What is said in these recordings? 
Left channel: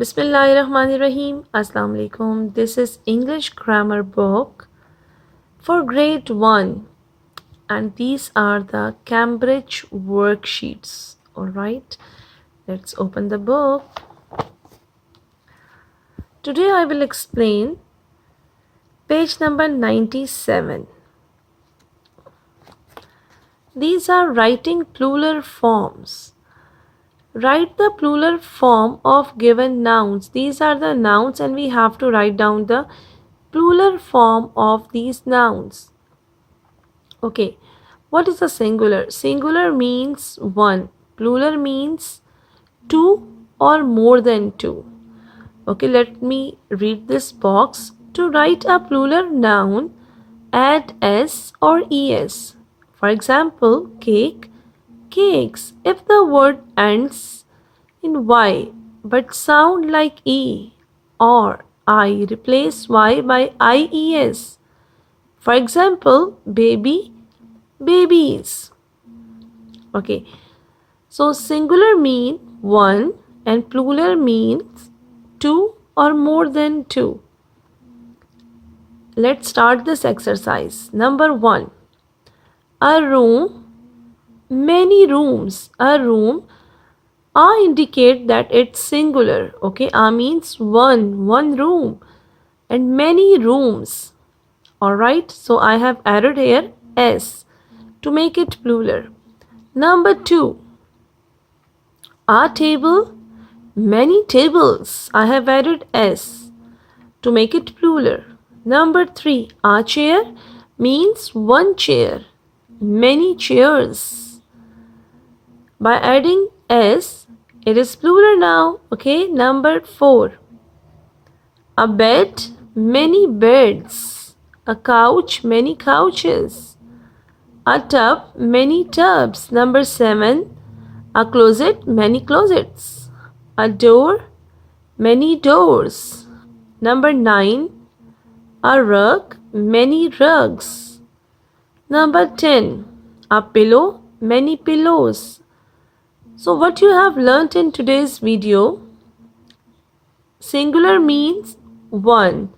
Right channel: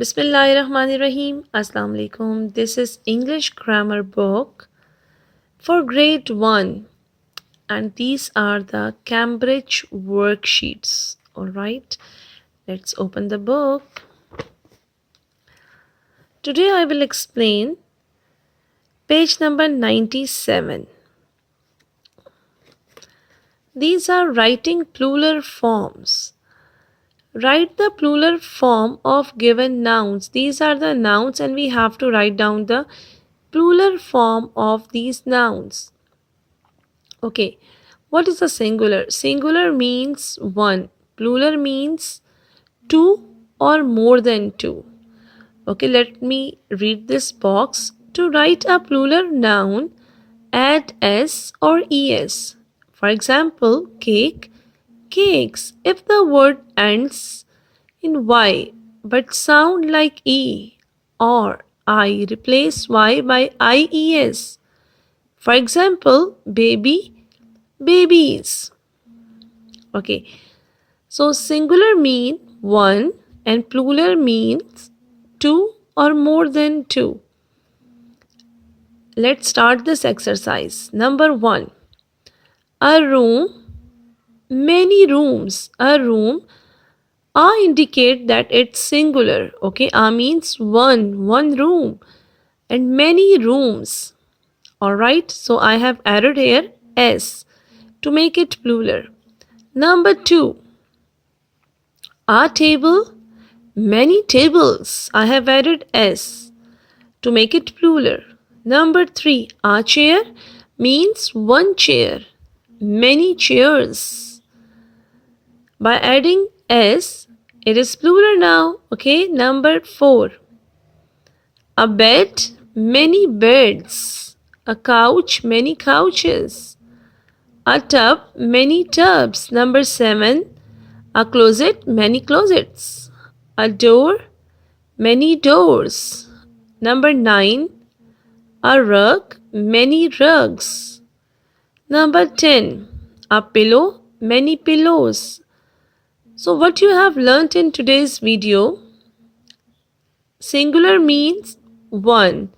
Bismillahirrahmanirrahim. Assalamu alaikum. This is English grammar book for grade 1 and these are the Cambridge worksheets. All right. Let's open the book. Today I will explain page number 97. These are writing plural forms. Write the plural form of given nouns. These are the nouns and we have to write down the plural form of these nouns. Okay, what is the singular? Singular means one. Plural means two or more than two. Okay, let me read this box. To write a plural noun, add s or es. For example, cake, cakes. If the word ends in y but sound like e or I, replace y by ies. For example, baby, babies. Okay, so singular mean one and plural means two or more than two. Let's start this exercise. Number 1, a room, many rooms. A room, indicate that it's singular. Okay, means one room and many rooms. Alright, so I have added here s to make it plural. Number 2, a table, many tables. I have added s to make it plural. Number 3, a chair means one chair, many chairs. By adding s, it is plural now. Okay, number 4, a bed, many beds. A couch, many couches. A tub, many tubs. Number 7, a closet, many closets. A door, many doors. Number 9, a rug, many rugs. Number 10, a pillow, many pillows. So what you have learnt in today's video, singular means one,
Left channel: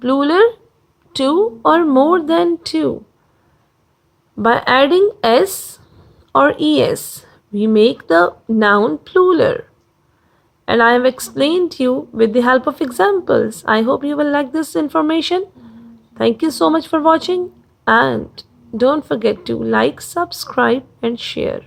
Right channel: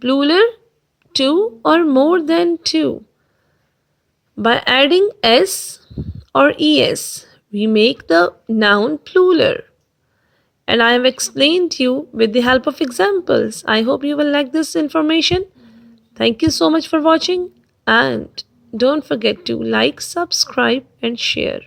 plural two or more than two. By adding s or es, we make the noun plural. And I have explained you with the help of examples. I hope you will like this information. Thank you so much for watching and don't forget to like, subscribe and share.